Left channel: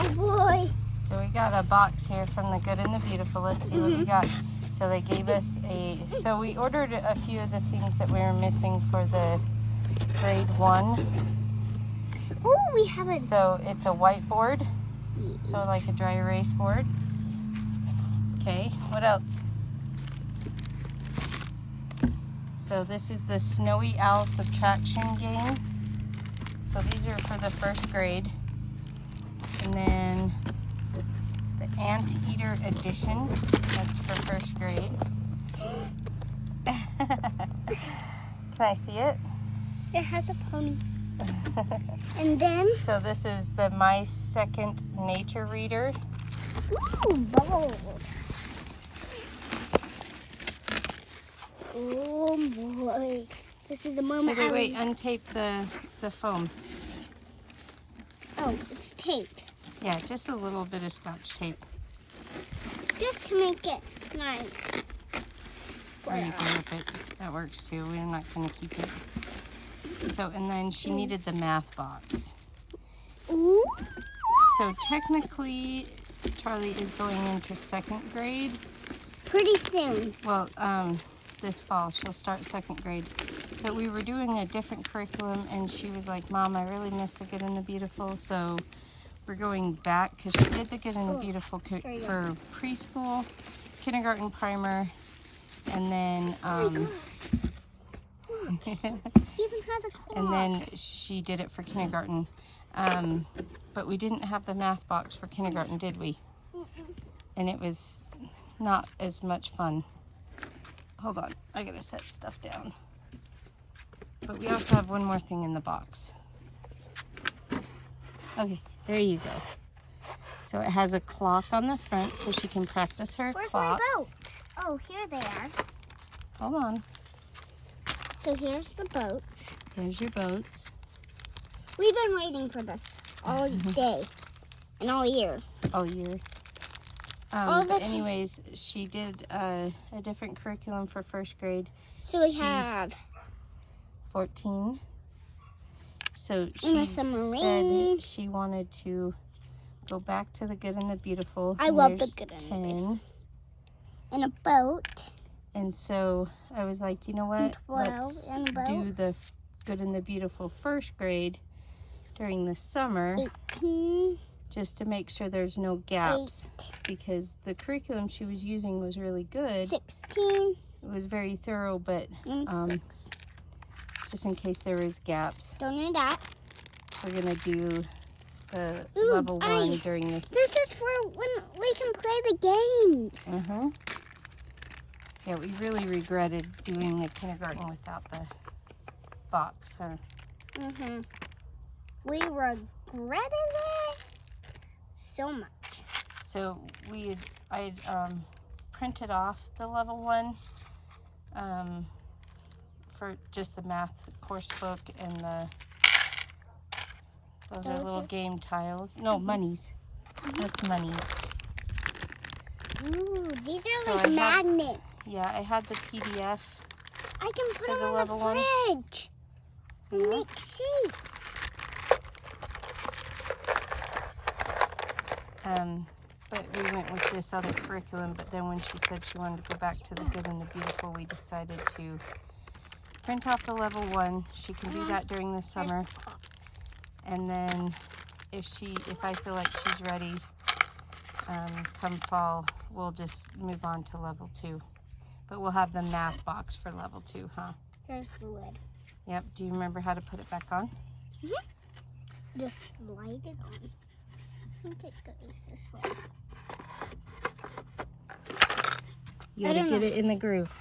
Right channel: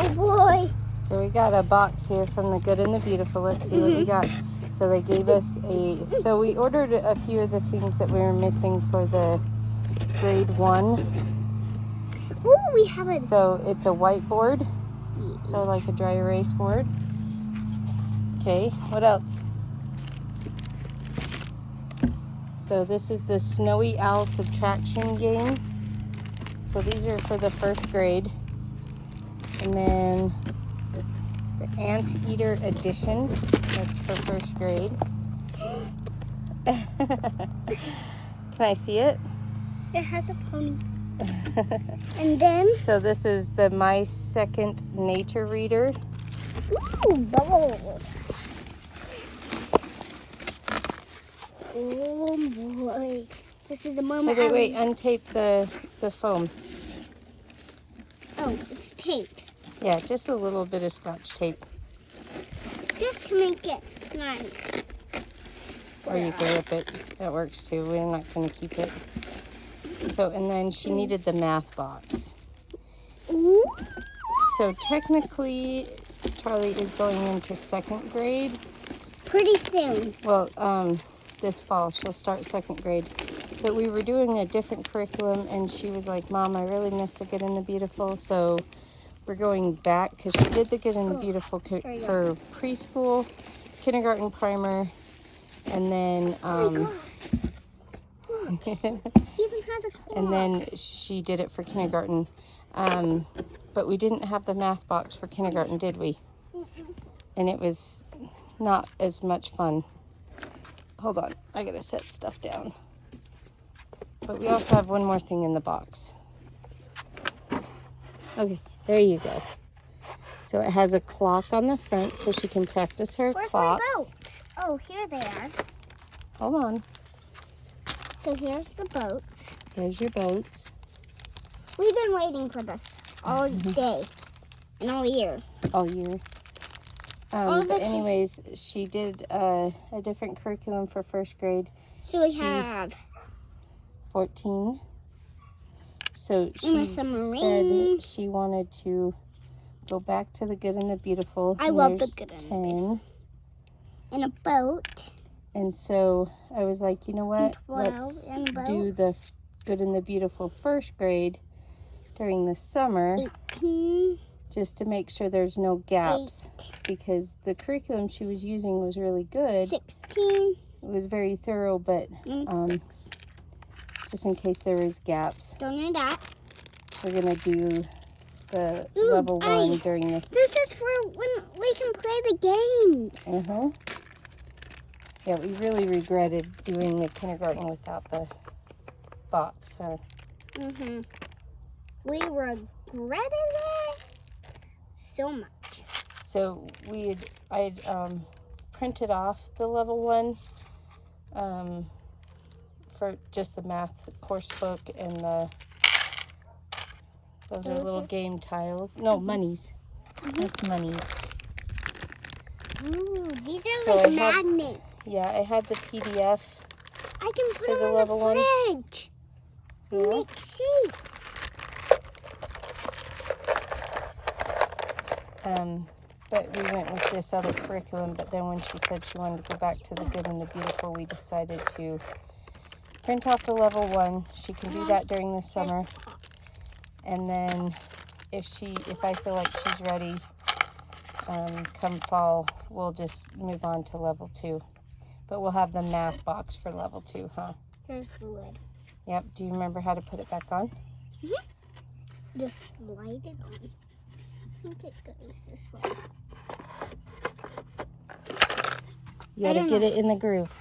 Oh boy. So we got a box here from the Good and the Beautiful. Let's see what we got. So they gave us so we ordered a few of the things that we were missing for the grade 1. Ooh, we have a... So it's a whiteboard. So like a dry erase board. Okay, what else? So this is the Snowy Owl subtraction game. So these are for the 1st grade. And then the Anteater edition. That's for 1st grade. Can I see it? It has a pony. And then... So this is the My Second Nature Reader. Ooh, bubbles. Oh boy. This is the moment. Wait, untape the foam. Oh, it's taped. Yeah, just a little bit of Scotch tape. Just to make it nice. Or you can rip it. That works too. We're not going to keep it. So, and then she needed the math box. Ooh. So technically, Charlie is going into 2nd grade. Pretty soon. Well, this fall she'll start 2nd grade. But we were doing a different curriculum, and she was like, "Mom, I really miss the Good and the Beautiful." So we're going back because she did the Good and the Beautiful for preschool, kindergarten, primer, and then Even has a claw. and then she did it for kindergarten. But we didn't have the math box for kindergarten, did we? And it was not as much fun. Hold on, I gotta set stuff down. But we also have one more thing in the box. Okay, there you go. So it has a clock on the front so she can practice her Where's clocks. my boats? Oh, here they are. Hold on. So here's the boats. There's your boats. We've been waiting for this all day and all year. All year. But anyways, she did a different curriculum for 1st grade. So we have 14. So and a she submarine. said she wanted to go back to the Good and the Beautiful. I love the Good and the 10. Beautiful. And a boat. And so I was like, you know what? 12 Let's and a boat. do the Good and the Beautiful 1st grade during the summer. 18. Just to make sure there's no gaps. 8. Because the curriculum she was using was really good. 16. It was very thorough, but And 6. just in case there is gaps, Don't need that. we're gonna do the Ooh, level 1 ice. during this. This is for when we can play the games. Yeah, we really regretted doing the kindergarten without the box, huh? We regretted it so much. So I had printed off the level 1 for just the math course book and those are little game tiles. No, monies. That's monies. Ooh, these are So like magnets. Yeah, I had the PDF. I can put for them the in level the 1. fridge and make shapes. But we went with this other curriculum, but then when she said she wanted to go back to the Good and the Beautiful, we decided to print out the level 1. She can do that during the summer. And then if I feel like she's ready, come fall, we'll just move on to level 2. But we'll have the math box for level 2, huh? Here's the lid. Yep. Do you remember how to put it back on? Just slide it on. I think it goes this way. You gotta get it in the groove.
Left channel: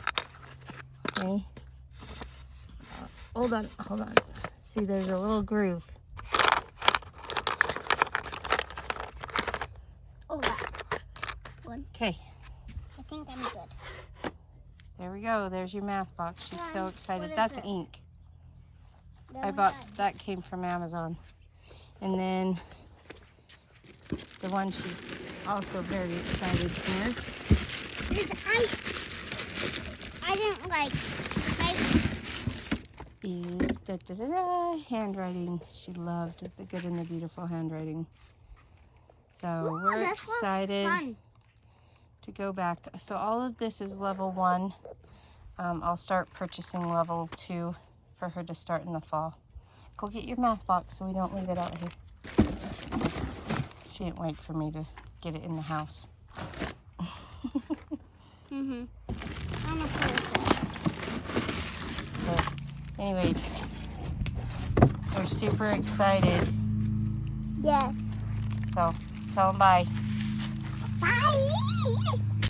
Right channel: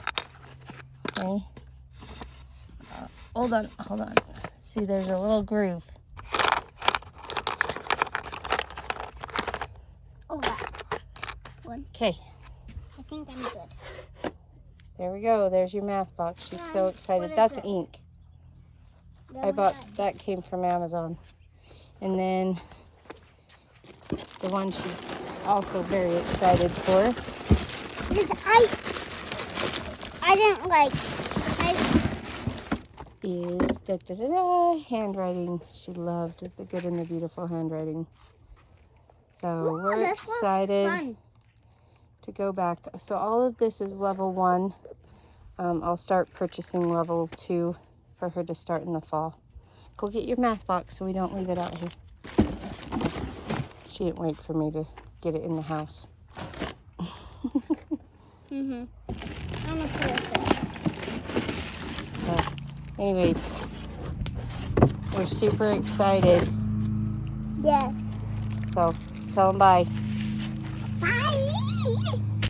Okay. Hold on. See, there's a little groove. Oh, that one. Okay. I think I'm good. There we go. There's your math box. She's so excited. What is That's this? ink. Then I bought that came from Amazon. And then the one she's also very excited for. Because I didn't like Is handwriting. She loved the Good and the Beautiful handwriting. So Ooh, we're this looks excited fun. to go back. So all of this is level 1. I'll start purchasing level 2 for her to start in the fall. Go get your math box so we don't leave it out here. She didn't wait for me to get it in the house. I'm gonna put it there. Anyways, we're super excited. Yes. So tell them bye. Bye.